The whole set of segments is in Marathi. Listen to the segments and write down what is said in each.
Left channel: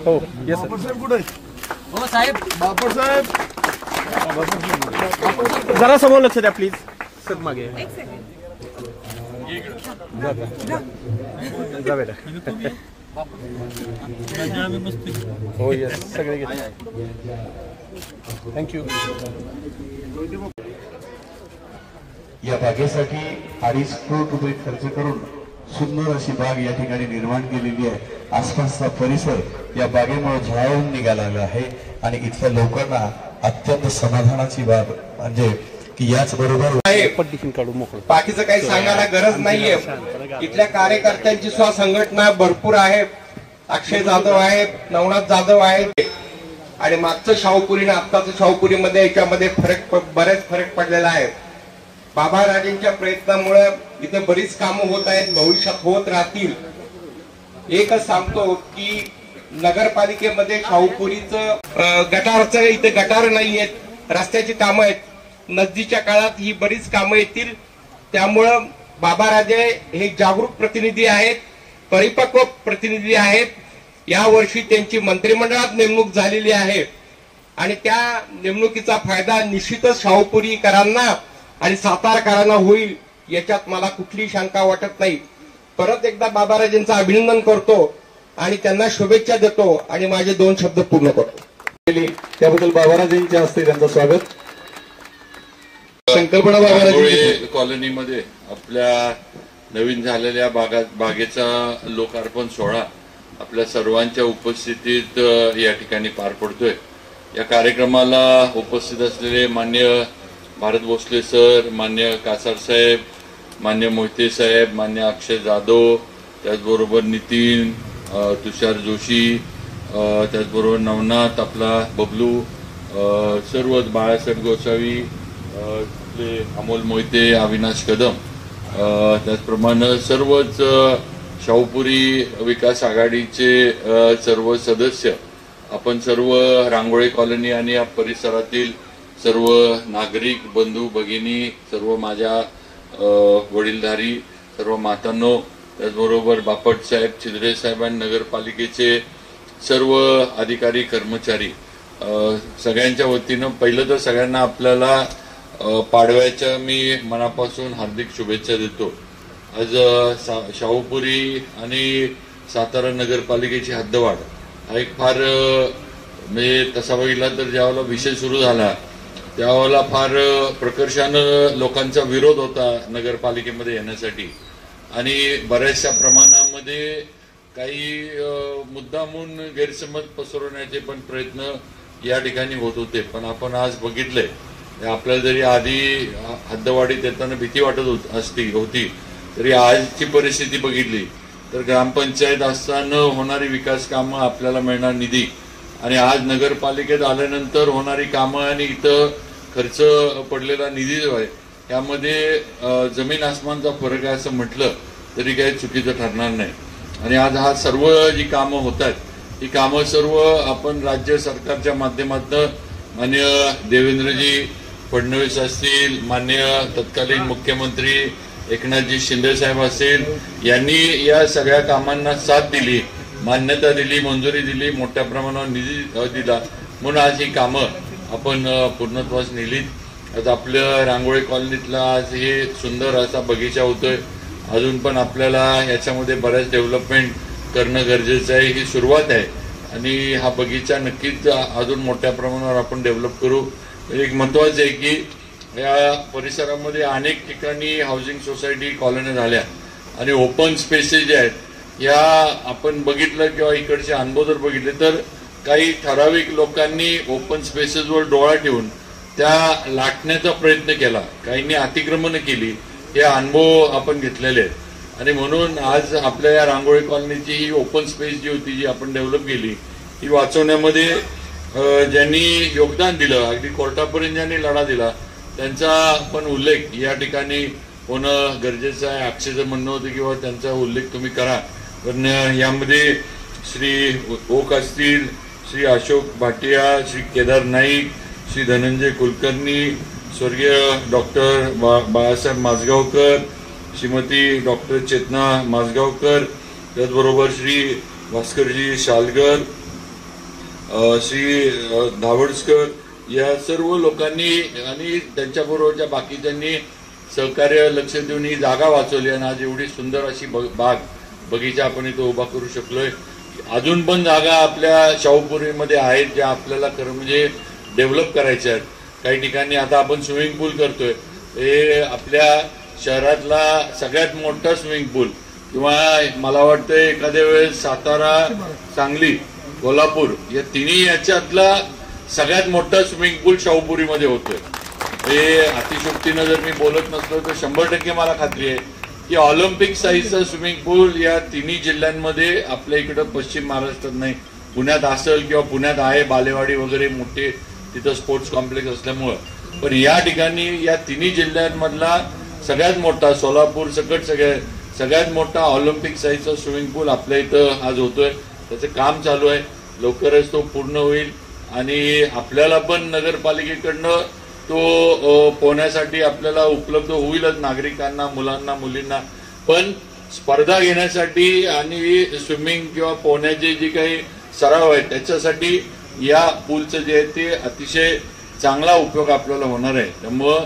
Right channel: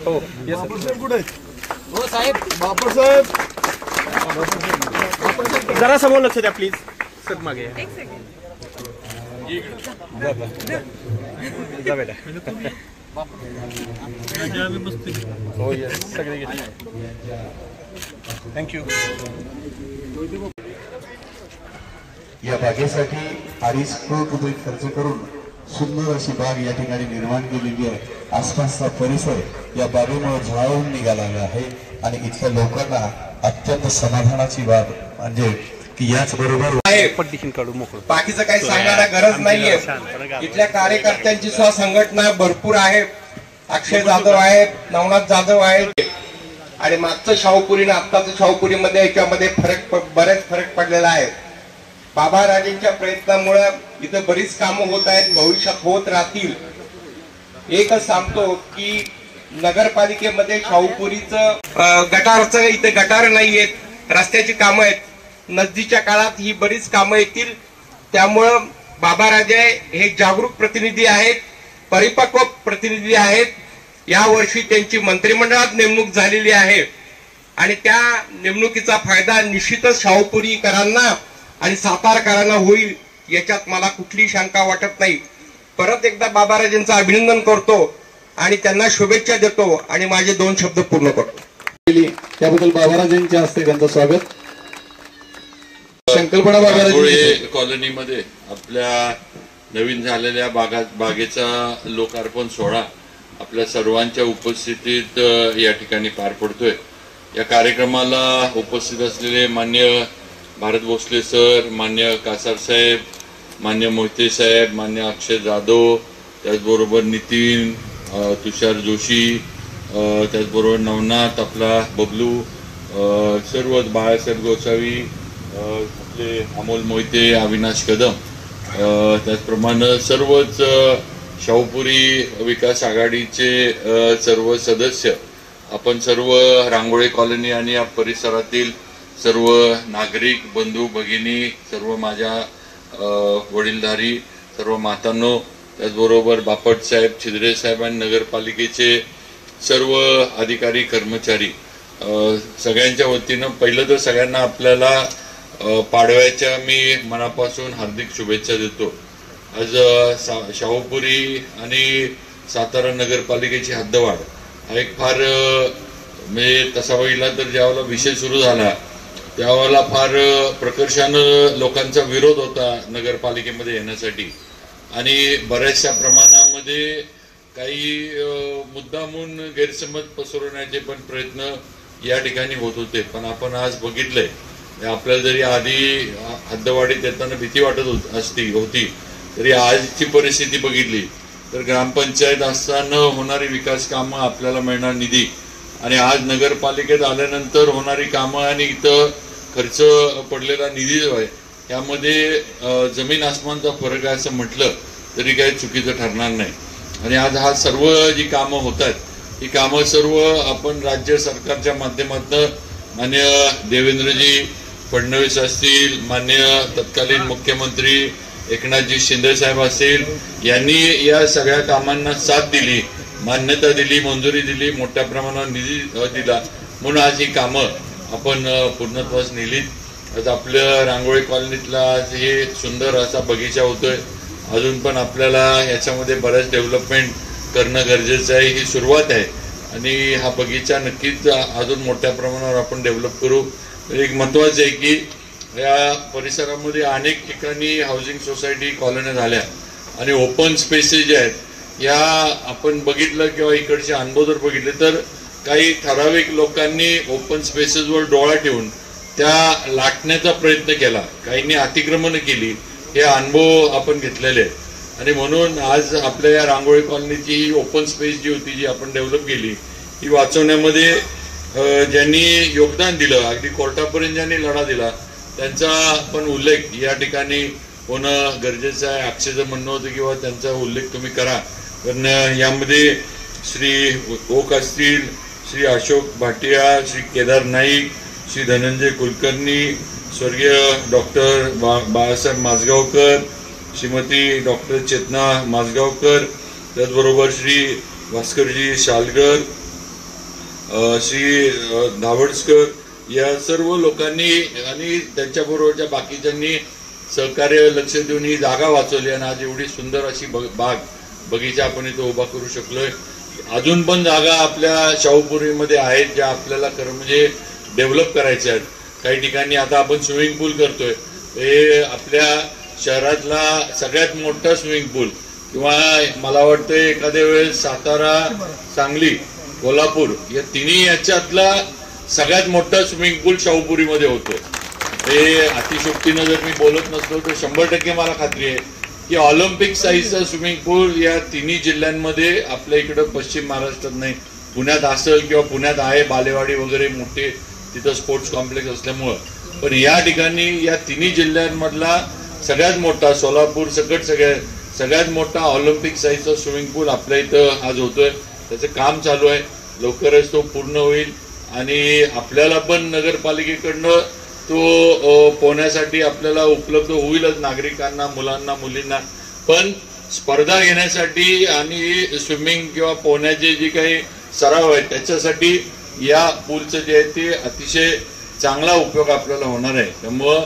हो बापट कुठे हो साहेब. बापट साहेब जरा समोर लक्ष द्या प्लीज. सर मागे जा बेटा. हो येस सगळे थँक्यू. या बागेसाठी 2.5 कोटी रुपये खर्च करून सुंदर अशी बाग या ठिकाणी निर्माण केलेली आहे. आसपासचा परिसर या बागेमुळे झळाळून निघालेला आहे आणि इथल्या लोकांना अत्यंत समाधानाची बाब म्हणजे की याच बरोबर पट्टीशीन काढू मोकळं. बाकीचं काही सांगायला गरज नाहीये. इथल्या कार्यकर्त्यांची संघटना भरपूर आहे. अक्षय जाधव आहेत, नवनाथ जाधव आहेत आणि मागचं शाहूपुरी आणि आत्ताचं शाहूपुरीमध्ये याच्यामध्ये बरेच फरक पडलेला आहे. बाबाराजेंच्या प्रयत्नामुळे इथं बरीच कामं होत आहेत, भविष्यात होत राहतील. एकच सांगतो की नगरपालिकेमध्ये शाहूपुरीचं गटारचं इथे गटार नाही आहेत, रस्त्याची कामं आहेत. नजदीकच्या काळात ही बरीच कामं येतील. त्यामुळं बाबाराजे हे जागरूक प्रतिनिधी आहेत, परिपक्व प्रतिनिधी आहेत. यावर्षी त्यांची मंत्रिमंडळात नेमणूक झालेली आहे आणि त्या नेमणुकीचा फायदा निश्चितच शाहूपुरीकरांना आणि सातारकरांना होईल याच्यात मला कुठलीही शंका वाटत नाही. परत एकदा बाबाराजेंचं अभिनंदन करतो आणि त्यांना शुभेच्छा देतो आणि माझे 2 शब्द पूर्ण करतो. त्याबद्दल बाबाराजेंच्या हस्ते त्यांचं स्वागत. संकल्पना बाबाराजे कॉलनीमध्ये आपल्या नवीन झालेल्या बागेचा लोकार्पण सोहळा आपल्या सर्वांच्या उपस्थितीत या ठिकाणी पार पडतोय. या कार्यक्रमाला उपस्थित असलेले मान्य भारत भोसले सर, मान्य कासार साहेब, मान्य मोहिते साहेब, मान्य अक्षय जाधव, त्याचबरोबर नितीन, तुषार जोशी, त्याचबरोबर नवनाथ, आपला बबलू, सर्व बाळासाहेब गोसावी, आपले अमोल मोहिते, अविनाश कदम, त्याचप्रमाणे सर्वच शाहूपुरी विकास आघाडीचे सर्व सदस्य, आपण सर्व रांगोळी कॉलनी आणि या परिसरातील सर्व नागरिक बंधू भगिनी, सर्व माझ्या वडीलधारी सर्व मातांनो, त्याचबरोबर बापट साहेब, छिद्रे साहेब आणि नगरपालिकेचे सर्व अधिकारी कर्मचारी, सगळ्यांच्या वतीनं पहिलं तर सगळ्यांना आपल्याला पाडव्याच्या मी मनापासून हार्दिक शुभेच्छा देतो. आज शाहूपुरी आणि सातारा नगरपालिकेची हद्दवाढ हा एक फार म्हणजे तसा बघितला तर ज्यावेळेला विषय सुरू झाला त्यावेळेला फार प्रकर्षानं लोकांचा विरोध होता नगरपालिकेमध्ये येण्यासाठी आणि बऱ्याचशा प्रमाणामध्ये काही मुद्दामून गैरसमज पसरवण्याचे पण प्रयत्न या ठिकाणी होत होते. पण आपण आज बघितलंय आपल्याला जरी आधी हद्दवाढीत येताना भीती वाटत होती तरी आजची परिस्थिती बघितली तर ग्रामपंचायत असताना होणारी विकास कामं, आपल्याला मिळणार निधी आणि आज नगरपालिकेत आल्यानंतर होणारी कामं आणि इथं खर्च पडलेला निधी जो आहे त्यामध्ये जमीन आसमानचा फरक आहे असं म्हटलं तरी काही चुकीचं ठरणार नाही. आणि आज हा सर्व जी कामं होतात ही कामं सर्व आपण राज्य सरकारच्या माध्यमातून मान्य देवेंद्रजी फडणवीस असतील, मान्य तत्कालीन मुख्यमंत्री एकनाथजी शिंदे साहेब असतील यांनी या सगळ्या कामांना साथ दिली, मान्यता दिली, मंजुरी दिली, मोठ्या प्रमाणावर निधी दिला म्हणून आज ही कामं आपण पूर्णत्वास नेलीत. आज आपल्या रांगोळी कॉलनीतला आज हे सुंदर असा बगीचा होतोय. अजून पण आपल्याला याच्यामध्ये बऱ्याच डेव्हलपमेंट करणं गरजेचं आहे. ही सुरुवात आहे आणि हा बगीचा नक्कीच अजून मोठ्या प्रमाणावर आपण डेव्हलप करू. एक महत्वाचं आहे की या परिसरामध्ये अनेक ठिकाणी हाऊसिंग सोसायटी कॉलन्या झाल्या आणि ओपन स्पेसेस जे आहेत या आपण बघितलं किंवा इकडचे अनुभव जर बघितले तर काही ठराविक लोकांनी ओपन स्पेसेसवर डोळा ठेवून त्या लाटण्याचा प्रयत्न केला, काहींनी अतिक्रमण केली. हे अनुभव आपण घेतलेले आहेत आणि म्हणून आज आपल्या या रांगोळी कॉलनीची ही ओपन स्पेस जी होती जी आपण डेव्हलप केली ती वाचवण्यामध्ये ज्यांनी योगदान दिलं, अगदी कोर्टापर्यंत ज्यांनी लढा दिला त्यांचा आपण उल्लेख या ठिकाणी होणं गरजेचं आहे. अक्षयचं म्हणणं होतं किंवा त्यांचा उल्लेख तुम्ही करा. पण यामध्ये श्री ओक असतील, श्री अशोक भाटिया, श्री केदार नाईक, श्री धनंजय कुलकर्णी, स्वर्गीय डॉक्टर बाळासाहेब माझगावकर, श्रीमती डॉक्टर चेतना माझगावकर, त्याचबरोबर श्री भास्करजी शालगर, श्री धावडस्कर या सर्व लोकांनी आणि त्यांच्याबरोबरच्या बाकीच्यांनी सहकार्य लक्ष देऊन ही जागा वाचवली आणि आज एवढी सुंदर अशी बाग बगीचा आपण इथं उभा करू शकलोय. अजून पण जागा आपल्या शाहूपुरीमध्ये आहेत ज्या आपल्याला खरं म्हणजे डेव्हलप करायच्या आहेत. काही ठिकाणी आता आपण स्विमिंग पूल करतोय, हे आपल्या शहरातला सगळ्यात मोठा स्विमिंग पूल किंवा मला वाटतं एखाद्या वेळेस सातारा, सांगली, कोल्हापूर या तिन्ही याच्यातला सगळ्यात मोठा स्विमिंग पूल शाहूपुरीमध्ये होतोय. हे अतिशोक्तीनं जर मी बोलत नसलो तर 100% मला खात्री आहे की ऑलिम्पिक साईजचा स्विमिंग पूल या तिन्ही जिल्ह्यांमध्ये आपल्या इकडं पश्चिम महाराष्ट्रात नाही, पुण्यात असेल किंवा पुण्यात आहे बालेवाडी वगैरे मोठे तिथं स्पोर्ट्स कॉम्प्लेक्स असल्यामुळं, पण या ठिकाणी या तिन्ही जिल्ह्यांमधला सगळ्यात मोठा सोलापूर सकट सगळ्यात मोठा ऑलिम्पिक साईजचा स्विमिंग पूल आपल्या इथं आज होतोय. त्याचं काम चालू आहे, लवकरच तो पूर्ण होईल आणि आपल्याला पण नगरपालिकेकडनं तो पोहण्यासाठी आपल्याला उपलब्ध होईलच, नागरिकांना, मुलांना, मुलींना. पण स्पर्धा घेण्यासाठी आणि स्विमिंग किंवा पोहण्याचे जे काही सराव आहेत त्याच्यासाठी या पूलचं जे आहे ते अतिशय चांगला उपयोग आपल्याला होणार आहे. त्यामुळं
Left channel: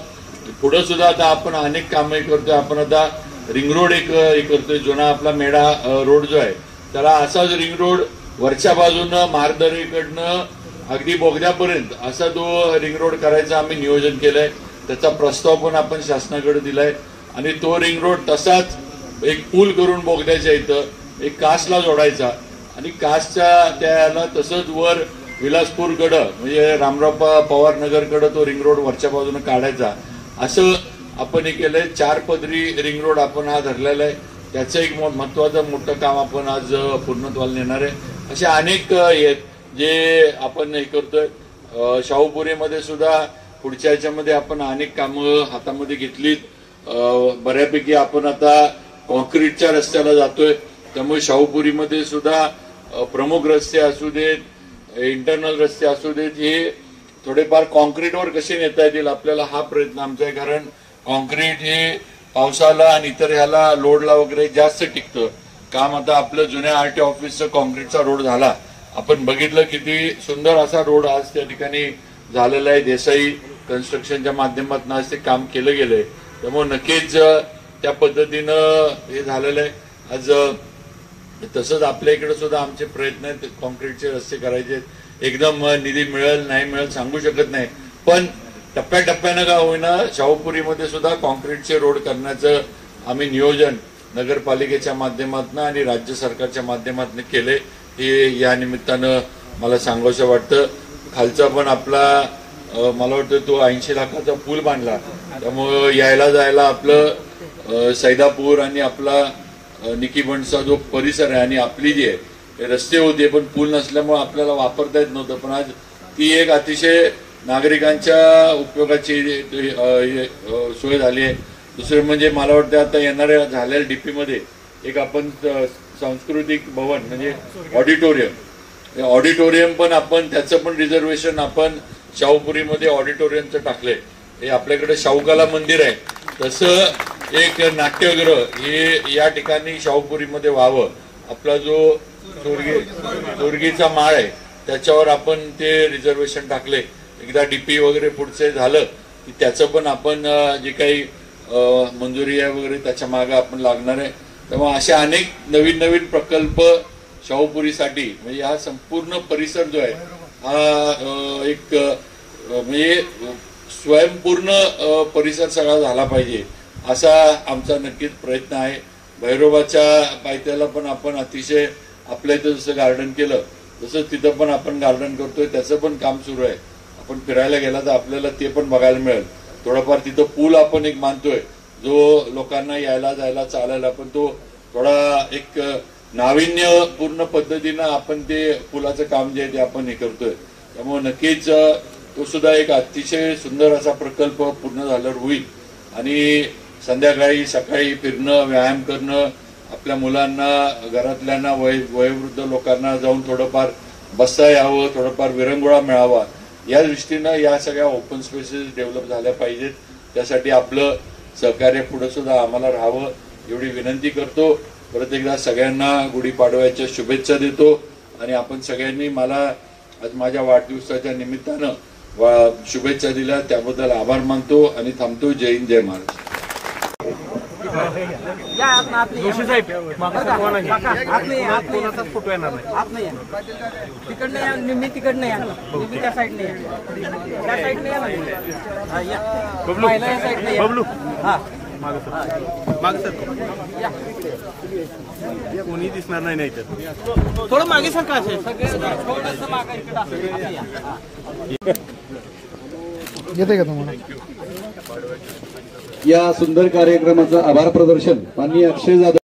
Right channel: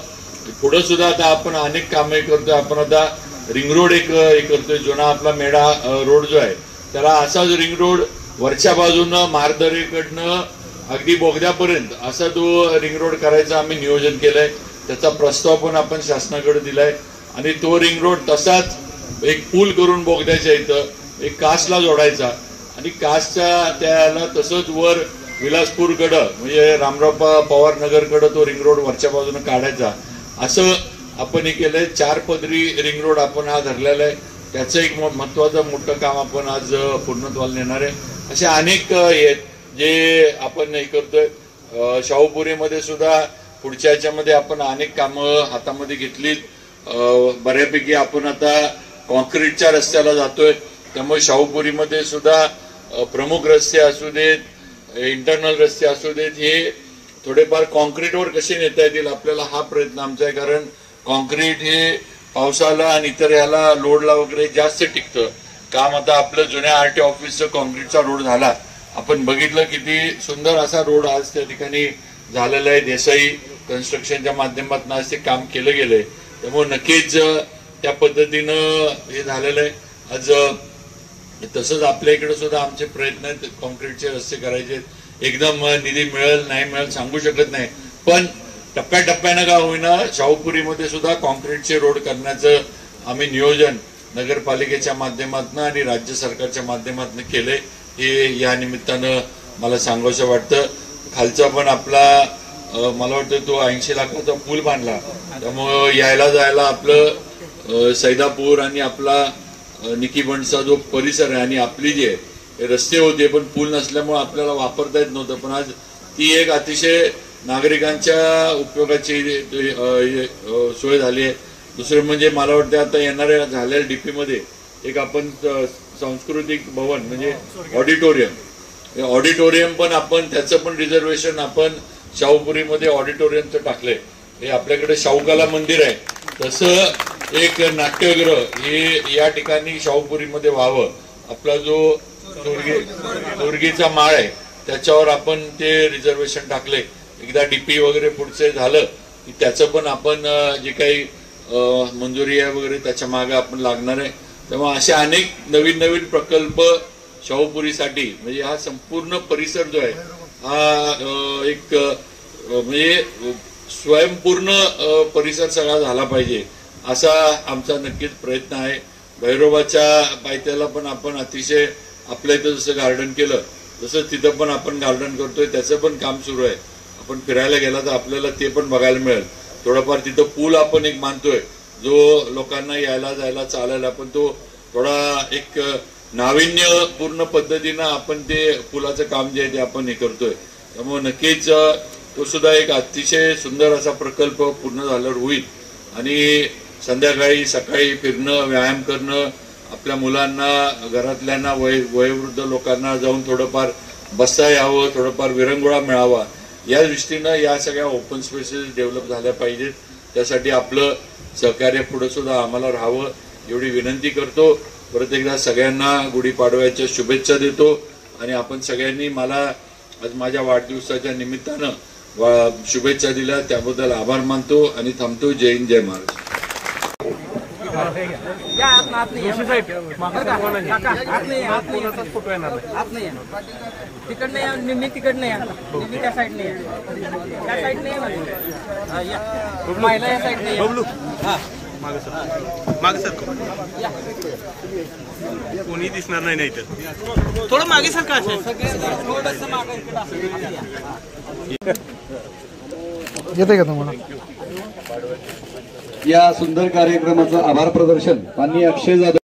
पुढे सुद्धा आता आपण अनेक कामे करतोय. आपण आता रिंग रोड एक करतोय, जुना आपला मेढा रोड जो आहे त्याला असाच रिंग रोड वरच्या बाजूनं महारदरीकडनं अगदी बोगद्यापर्यंत असा तो रिंग रोड करायचा आम्ही नियोजन केलंय. त्याचा प्रस्ताव पण आपण शासनाकडे दिलाय आणि तो रिंग रोड तसाच एक पूल करून बोगद्याच्या इथं एक कासला जोडायचा आणि कासच्या त्याला तसंच वर विलासपूरकडं म्हणजे रामराव पवार नगरकडं तो रिंग रोड वरच्या बाजूने काढायचा. असं आपण हे केलंय. 4 पदरी रिंग रोड आपण हा धरलेला आहे. त्याचं एक महत्वाचं मोठं काम आपण आज पूर्णत्वाला नेणार आहे. असे अनेक आहेत जे आपण हे करतोय. शाहूपुरीमध्ये सुद्धा पुढच्या याच्यामध्ये आपण अनेक कामं हातामध्ये घेतलीत. बऱ्यापैकी आपण आता कॉन्क्रीटच्या रस्त्याला जातोय. त्यामुळे शाहूपुरीमध्ये सुद्धा प्रमुख रस्ते असू देत, इंटरनल रस्ते असू देत, हे थोडेफार कॉन्क्रीटवर कसे नेता येतील आपल्याला हा प्रयत्न आमचा आहे. कारण कॉन्क्रीट हे पावसाला आणि इतर याला लोडला वगैरे जास्त टिकतं काम. आता आपलं जुन्या आरटीओ ऑफिसचं कॉन्क्रीटचा रोड झाला, आपण बघितलं किती सुंदर असा रोड आज त्या ठिकाणी झालेला आहे. देसाई कन्स्ट्रक्शनच्या माध्यमातून आज ते काम केलं गेलंय. त्यामुळे नक्कीच त्या पद्धतीनं हे झालेलं आहे. आज तसंच आपल्या इकडे सुद्धा आमचे प्रयत्न आहेत कॉन्क्रीटचे रस्ते करायचे. एकदम निधी मिळेल नाही मिळेल सांगू शकत नाही, पण टप्प्याटप्प्यानं का होईना शाहूपुरीमध्ये सुद्धा कॉन्क्रीटचे रोड करण्याचं आम्ही नियोजन नगरपालिकेच्या माध्यमातून आणि राज्य सरकारच्या माध्यमातून केलंय. हे या निमित्तानं मला सांगावंसं वाटतं. खालचा पण आपला मला वाटतं तो 80 लाखाचा पूल बांधला, त्यामुळं यायला जायला आपलं सैदापूर आणि आपला निकीबंडचा जो परिसर आहे आणि आपली जी आहे रस्ते होते पण पूल नसल्यामुळे आपल्याला वापरता येत नव्हतं, पण आज ती एक अतिशय नागरिकांच्या उपयोगाची सोय झाली आहे. दुसरं म्हणजे मला वाटतं आता येणाऱ्या झालेल्या डीपीमध्ये एक आपण सांस्कृतिक भवन म्हणजे ऑडिटोरियम पण आपण त्याचं पण रिझर्वेशन आपण शाहूपुरीमध्ये ऑडिटोरियमचं टाकलंय. हे आपल्याकडे शाहूकला मंदिर आहे तसं एक नाट्यगृह हे या ठिकाणी शाहूपुरीमध्ये व्हावं. आपला जो तोरगीचा माळ आहे त्याच्यावर आपण ते रिझर्वेशन टाकले. एकदा डीपी वगैरे पुढचे झालं की त्याचं पण आपण जे काही मंजुरी आहे वगैरे त्याच्या मागे आपण लागणार आहे. त्यामुळे असे अनेक नवीन नवीन प्रकल्प शाहूपुरीसाठी म्हणजे हा संपूर्ण परिसर जो आहे हा एक म्हणजे स्वयंपूर्ण परिसर सगळा झाला पाहिजे असा आमचा नक्कीच प्रयत्न आहे. भैरोबाच्या पायथ्याला पण आपण अतिशय आपल्या इथं जसं गार्डन केलं तसंच तिथं पण आपण गार्डन करतोय, त्याचं पण काम सुरू आहे. आपण फिरायला गेला तर आपल्याला ते पण बघायला मिळेल. थोडाफार तिथं पूल आपण एक बांधतोय जो लोकांना यायला जायला चालायला, पण तो थोडा एक नाविन्यपूर्ण पद्धतीनं आपण ते पुलाचं काम जे आहे ते आपण हे करतोय. त्यामुळे नक्कीच तो सुद्धा एक अतिशय सुंदर असा प्रकल्प पूर्ण झाल्यावर होईल आणि संध्याकाळी सकाळी फिरणं, व्यायाम करणं, आपल्या मुलांना, घरातल्यांना, वयोवृद्ध लोकांना जाऊन थोडंफार बसता यावं, थोडंफार विरंगुळा मिळावा या दृष्टीनं या सगळ्या ओपन स्पेसेस डेव्हलप झाल्या पाहिजेत. त्यासाठी आपलं सहकार्य पुढे सुद्धा आम्हाला राहावं एवढी विनंती करतो. परत एकदा सगळ्यांना गुढीपाडव्याच्या शुभेच्छा देतो आणि आपण सगळ्यांनी मला आज माझ्या वाढदिवसाच्या निमित्तानं शुभेच्छा दिल्या त्याबद्दल आभार मानतो आणि थांबतो. जय हिंद जय महाराष्ट्र. तिकडनं या निम्मी तिकडनं या निम्मी त्या साईडने या त्या साईडने या महिला या साईडने बबलू हा मागे सर या कोणी दिसणार नाही नाही तर थोडं मागे सर का असेल थोडंसं मागं इकडं असं या. येते का तुम्हाला या सुंदर कार्यक्रमाचं आभार प्रदर्शन माननीय अक्षय जाधव